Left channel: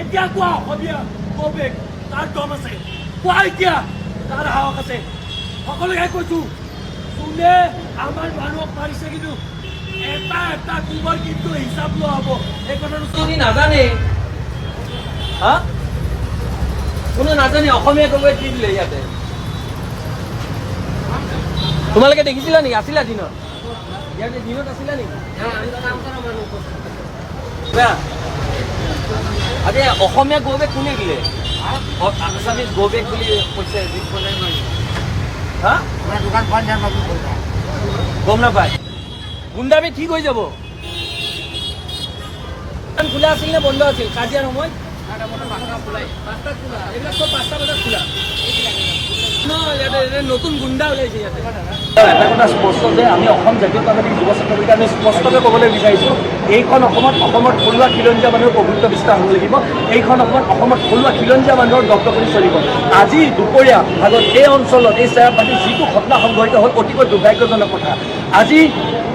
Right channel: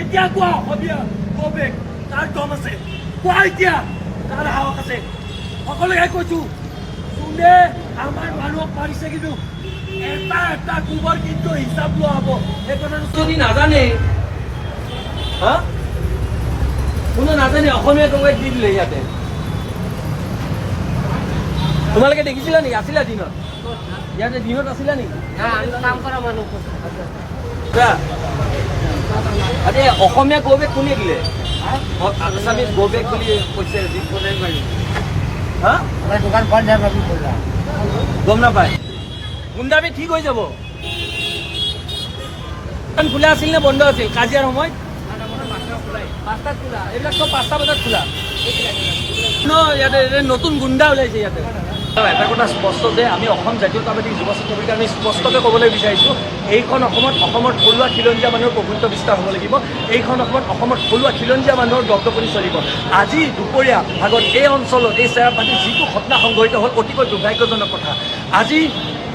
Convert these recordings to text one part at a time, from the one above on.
এতিয়া কোৱা অসমীয়া কবে তাৰ দম আছে, কোৱা এতিয়া তাৰ সাহস আছে। সকলোকে কৈছো, যোনে আমাৰ মানুহক মাৰিছে কিন্তু এটা এটা কোবৰ কিন্তু হিচাপ লোৱা হ'ব। এই কথাটো যদি নাজানে, কোনো নাজানে অসমীয়া কবিক দি দিলে ইয়াতে। তোমালোকে দেখিছিলা নেকি? আছিলা দিনত? ইয়াতে দিনত আছিলা নেকি? কাম কৰা মানুহ আজি অসমীয়া গৌবেগ কোনে দিলে? আছামিজ গৌবেগ বুলি কৈছে। আমাৰ দোকান বন্ধ যাব বুলি কৈছা। গম নাপায়। গুণ্ডামি ঠিক হৈ যাব। দোকান খোলা আছিল নে বন্ধ আছিল কাজিয়াৰ সময়ত? 5টাত খোলা। এইবিলাক চব 5টা বজাত খোলা। ইয়াতে নতুন গুণ্ডা ওলাইছে ইয়াতে। এটা কথা স্পষ্ট যে আমি অসম জাতীয়তাবাদী যুৱ ছাত্ৰ বুলি আমি স্পষ্টকৈ ক'বলৈ বিচাৰিছোঁ, এইখন অসমত থলুৱা খিলঞ্জীয়া মানুহৰ প্ৰভুত্ব বিস্তাৰ হ'ব লাগিব। এইখন অসমত থলুৱা খিলঞ্জীয়া মানুহৰ দপদপনি চলিব। আজি দুপৰীয়া ভাগত এই অঞ্চলত এই চেৰাপাতিত যিটো ঘটনা সংঘটিত হ'ল অতিকৈ দুৰ্ভাগ্যজনক কথা। আজি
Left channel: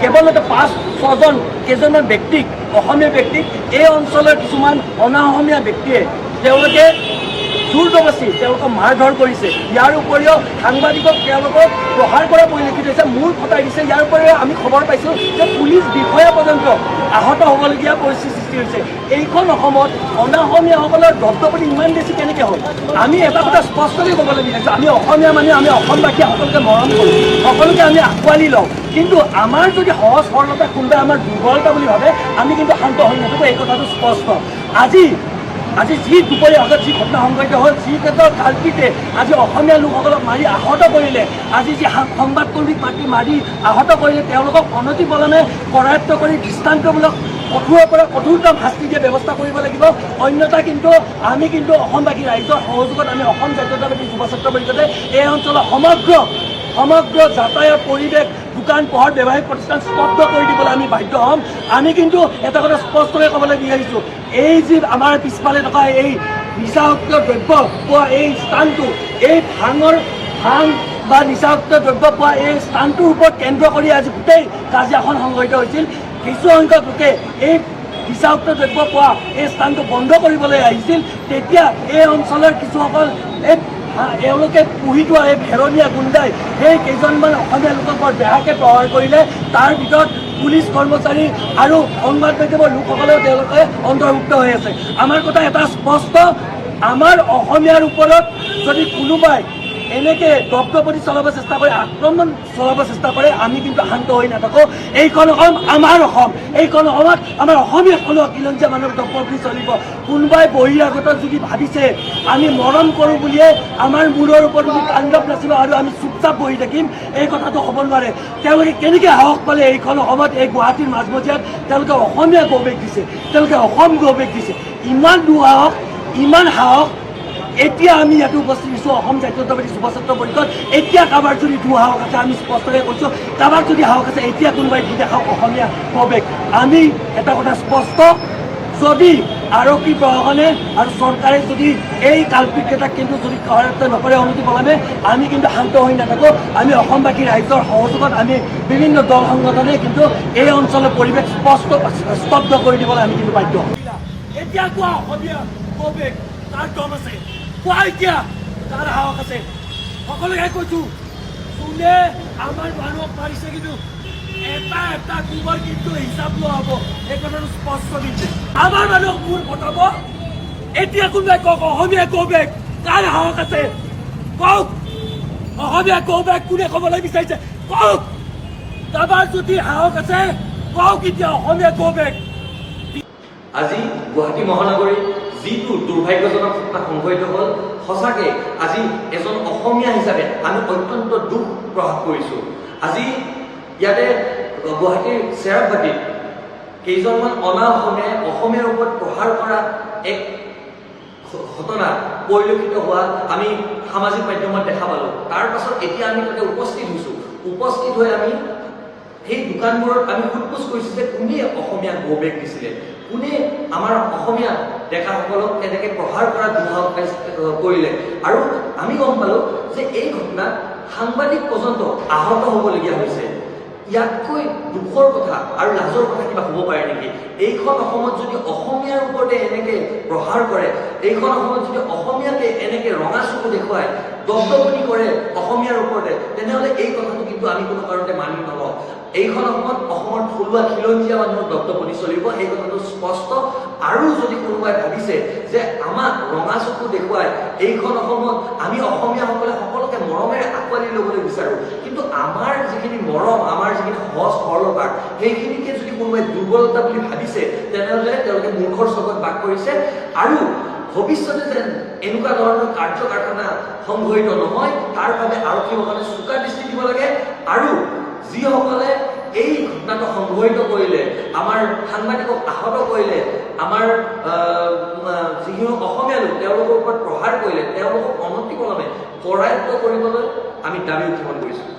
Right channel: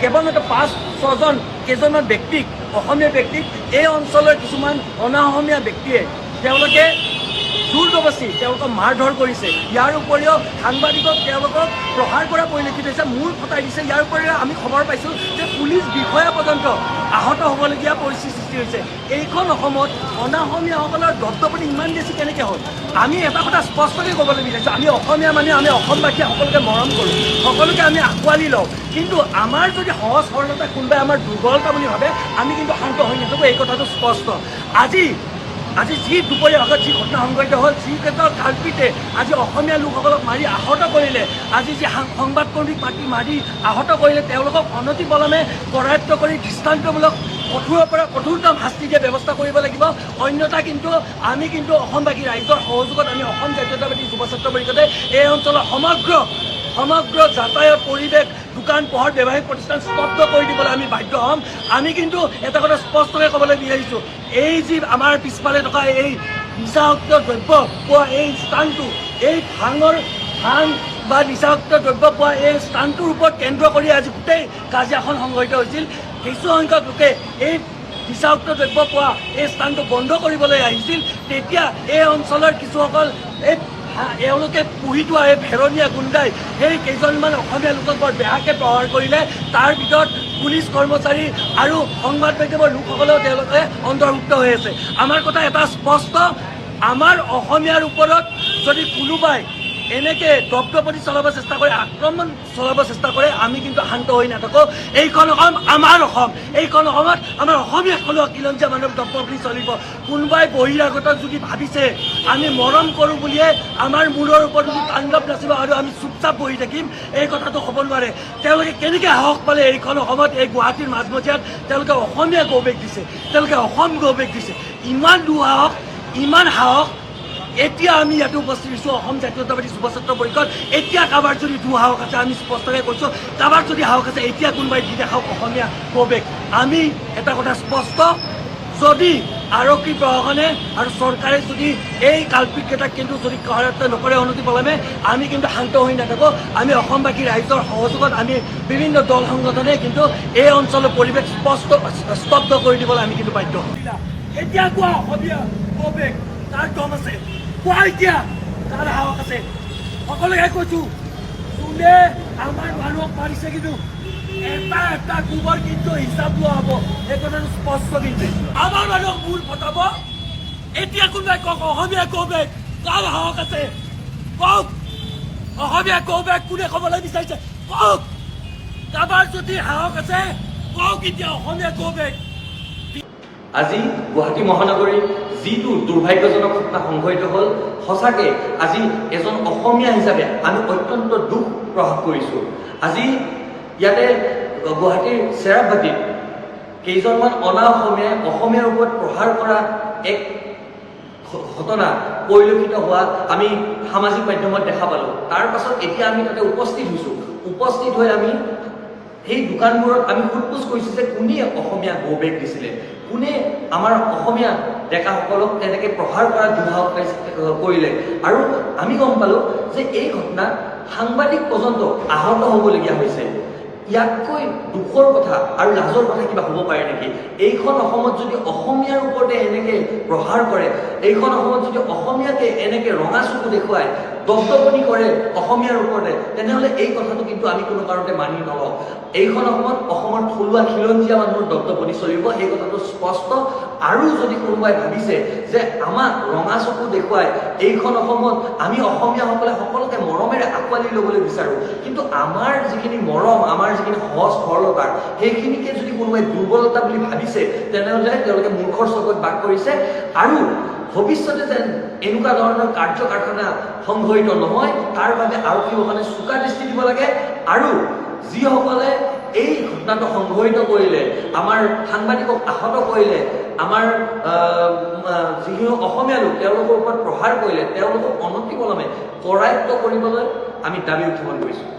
কেৱলতে 5-6জন কেইজনমান ব্যক্তিক, অসমীয়া ব্যক্তিক এই অঞ্চলৰ কিছুমান অনাঅসমীয়া ব্যক্তিয়ে তেওঁলোকে জোৰ জবস্তি তেওঁলোকক মাৰধৰ কৰিছে। ইয়াৰ উপৰিও সাংবাদিকক তেওঁলোকক প্ৰহাৰ কৰা পৰিলক্ষিত হৈছে, মূৰ ফটাই দিছে। ইয়াৰ উপৰিও আমি খবৰ পাইছোঁ যে পুলিচ বিষয়া পৰ্যন্ত আহত হ'বলগীয়া পৰিস্থিতিৰ সৃষ্টি হৈছে। এইখন অসমত অনাঅসমীয়াসকলৰ দপদপনি ইমান বেছি কেনেকৈ হ'ল? আমি এটা কথা স্পষ্টকৈ ক'বলৈ বিচাৰিছোঁ, আমি অসমীয়া মানুহে, আমি অসমবাসীয়ে সকলোকে মৰম কৰোঁ, সকলোকে আমি আঁকোৱালি লওঁ। কিন্তু আমাৰ যদি সহজ সৰলতা কোনোবাই আমাৰ দুৰ্বলতা বুলি ভাবে, আমি কিন্তু শান্ত হৈ নাথাকোঁ। এই কথাটো স্পষ্ট। আজি যি দুপৰীয়া আগত যি ঘটনা সংঘটিত হ'ল, যি ক্ষেত্ৰত কালপিতে আজি অসমীয়া লোকসকলক মাৰি আহত কৰিলে, আজি যি সংবাদকৰ্মীক মাতি মাৰি আহত কৰিলে, তেওঁলোকক অনতিপলমে কৰায়ত্ব কৰি দৃষ্টান্তমূলক কঠোৰৰ পৰা কঠোৰতম শাস্তি দিয়া ব্যৱস্থা কৰিব লাগিব। অন্যথা কিন্তু আমি কিন্তু অসমবাসী ৰাইজৰ সহযোগত আমি অসম জাতীয়তাবাদী যুৱ ছাত্ৰ পৰিষদে এই অঞ্চলৰ সমগ্ৰ যাতায়াত পৰিৱেশ, দোকান পোহৰ, ব্যৱসায়িক প্ৰতিষ্ঠান স্তব্ধ কৰি দিবলৈ আমি বাধ্য হ'ম। আমি কিন্তু এটা কথা স্পষ্টকৈ ক'বলৈ বিচাৰিছোঁ, এই যি আমাৰ পিছফালে থকা এই নিচাযুক্ত দ্ৰব্য পোৱা এই স্থানটো, এই ভাং বা নিচাযুক্ত দ্ৰব্য পোৱা এই স্থানটোৰ ওপৰত কেন্দ্ৰ কৰি আজি গোটেই কাজিয়াখন সংঘটিত হৈছিল। কিছু সংখ্যক লোকে এই নিচাযুক্ত দ্ৰব্য পোৱা এই স্থানটো বন্ধ কৰিবলৈ আহিছিল। তেতিয়া এই অঞ্চলৰ কিছুসকল এওঁলোকে পুহি থোৱা এই ভেৰনীয়া গুণ্ডাই সেই কেইজনমান অসমীয়া লোকক বৰ বেয়াকৈ প্ৰহাৰ কৰিলে। তাৰ ভিতৰত পুলিচ কৰ্মচাৰী আৰু সংবাদ মাধ্যমৰ লোকসকলেও তেওঁলোকে অন্তৰ্ভুক্ত হৈ আছে। আমাৰ কথা এটা স্পষ্ট, আমাৰ অসমীয়াৰ ওপৰত যদি কোনোবাই এনেকে দপদপনি চলাব চেষ্টা কৰে, আক্ৰমণ চলাব চেষ্টা কৰে, আমি কিন্তু শান্ত হৈ নাথাকোঁ। এইখন অসম আমাৰ অসম, এইখন অসমত আমাৰ অসমীয়া থলুৱা খিলঞ্জীয়া মানুহৰ দপদপনি চলিব। কোনোবাই বহিৰাগত যদি ভাবিছে আমি মৰম কৰোঁ বুলিয়ে আমাৰ মূৰৰ ওপৰত যদি তাণ্ডৱ নাচিব আৰু আমি চুপচাপ বহি থাকিম, এই কথাটো হ'ব নোৱাৰে। তেওঁলোকে কেনেকৈ সাহস পালে এইখন অসমত, এই গুৱাহাটীৰ মাজমজিয়াত তেওঁলোকে অসমীয়া গৌবেগ দিছে, তেওঁলোকে অসম গৌবেগ দিছে। ইমান দুঃসাহস, ইমান সাহস এতিয়া আমি ইয়াতে উপস্থিত হৈছোঁ অসম জাতীয়তাবাদী যুৱ ছাত্ৰ পৰিষদ। এতিয়া কাৰোবাৰ যদি দুঃসাহস আছে, আমি স্পষ্টকৈ কৈছোঁ, কাৰোবাৰ যদি সাহস আছে এতিয়া কোনোবাই দি দেখাওক অসমীয়া গৌবেগ। আমি এটা কথা স্পষ্ট, যদি আৰক্ষী প্ৰশাসনে আৰু চৰকাৰে যদি এই কালপিতকেইটাক কিন্তু যদি কৰায়ত্ব নকৰে অনতিপলমে, আমি কিন্তু শান্ত হৈ নাথাকোঁ। আমি অসমবাসী ৰাইজৰ সহযোগত আমি বিভিন্ন দল সংগঠনে কিন্তু এই অঞ্চলৰ পৰিৱেশ স্তব্ধ কৰি দিবলৈ আমি কিন্তু বাধ্য হ'ম। এতিয়া কোৱা অসমীয়া কবে তাৰ দম আছে, কোৱা এতিয়া তাৰ সাহস আছে। সকলোকে কৈছো, যোনে আমাৰ মানুহক মাৰিছে কিন্তু এটা এটা কোবৰ কিন্তু হিচাপ লোৱা হ'ব। এই কথাটো স্পষ্ট দিছে। আমাৰ মানুহক মূৰ ফটাব। এতিয়া কোনোবাই কওক অসমীয়া কৌবেগ তাৰ সাহস আছে, কওক অসমীয়া কৌবেগ কোনে ক'বলৈ বিচাৰিছে, কওক। কাৰোবাৰ যদি সাহস আছে কওক এতিয়া অসমীয়া কৌবেগ। আজি গুৱাহাটী মহানগৰীত যিটো দুৰ্ভাগ্যজনক ঘটনা সংঘটিত হ'ল, সঁচাকৈ আজি এজন অসমীয়া হিচাপে আমি অত্যন্ত দুখ প্ৰকাশ কৰিছোঁ। আজি ইয়াতে গুৱাহাটীৰ চেৰাপাতিত কেইজনমান অনাঅসমীয়াই অসমীয়াৰ ওপৰত প্ৰহাৰ কৰা এক ঘটনা পৰিলক্ষিত হোৱা আমি সামাজিক মাধ্যমত দেখা পালোঁ। তাৰ পাছত এতিয়া আমি তাতে উপস্থিত হৈছোঁ। উপস্থিত হৈ আমি সেই দোকানবোৰত আমি সোধ-পোছ কৰিছোঁ যে কোনে অসমীয়া গৌবেগ দিছিলে, কোনে আমাৰ অসমীয়া ডেকাসকলক তেনেকৈ প্ৰহাৰ কৰা দুঃসাহস কৰিলে। আৰু আমি গম পালোঁ যে এই ঘটনাত সাংবাদিক পৰ্যন্ত আহত হ'বলগীয়া হৈছে। ইয়াতকৈ দুখৰ কথা আৰু লাজৰ কথা কিবা হ'ব পাৰে নেকি? এইখন অসমত যদি অসমীয়াৰ ওপৰতে এনেকে প্ৰহাৰ কৰে, এইখন অসমত যদি অসমীয়াকে এনেকে ৰঙা চকু দেখুৱায়, দপদপনি কৰে অসমীয়াৰ ওপৰতে, তেনেহ'লে এই কথাটো কিন্তু আমি কোনো কাৰণতে মানি নলওঁ। এইখন অসমত অসমৰ থলুৱা খিলঞ্জীয়া মানুহৰ দপদপনি চলিব, সেই কথাটো স্পষ্ট। আৰু যদি কোনোবাই ভাবিছে যে আমাক ৰঙা চকু দেখুৱাই এইখন অসমত আমি অসমীয়াসকলে সকলোকে মৰমেৰে আঁকোৱালি ল'বলৈ বিচাৰোঁ, কিন্তু আমাৰ যিখিনি মৰম, আমাৰ যিখিনি সহজ সৰলতাৰ, সেইখিনিকে যদি কোনোবাই দুৰ্বলতা বুলি ভাবিছে, তেনেহ'লে তেওঁলোকে মূৰ্খৰ চকুত বাস কৰিছে। আৰু ভৱিষ্যতে যেন এনেকুৱা ধৰণৰ কাৰ্য কাৰখানা সংঘটিত নহয়, তাৰ বাবে আৰক্ষীসকলে চোকা দৃষ্টি দিব লাগে। আৰু যিসকলে এই ঘটনাটো সংঘটিত কৰিলে, আমাৰ সাংবাদিকক আহত কৰিলে, আমাৰ যিখিনি অসমীয়া লোক তেওঁলোকৰ ওপৰত প্ৰহাৰ কৰিলে, তেওঁলোকক অনতিপলমে কৰায়ত্ব কৰিবলৈ আমি দাবী উত্থাপন কৰিছোঁ।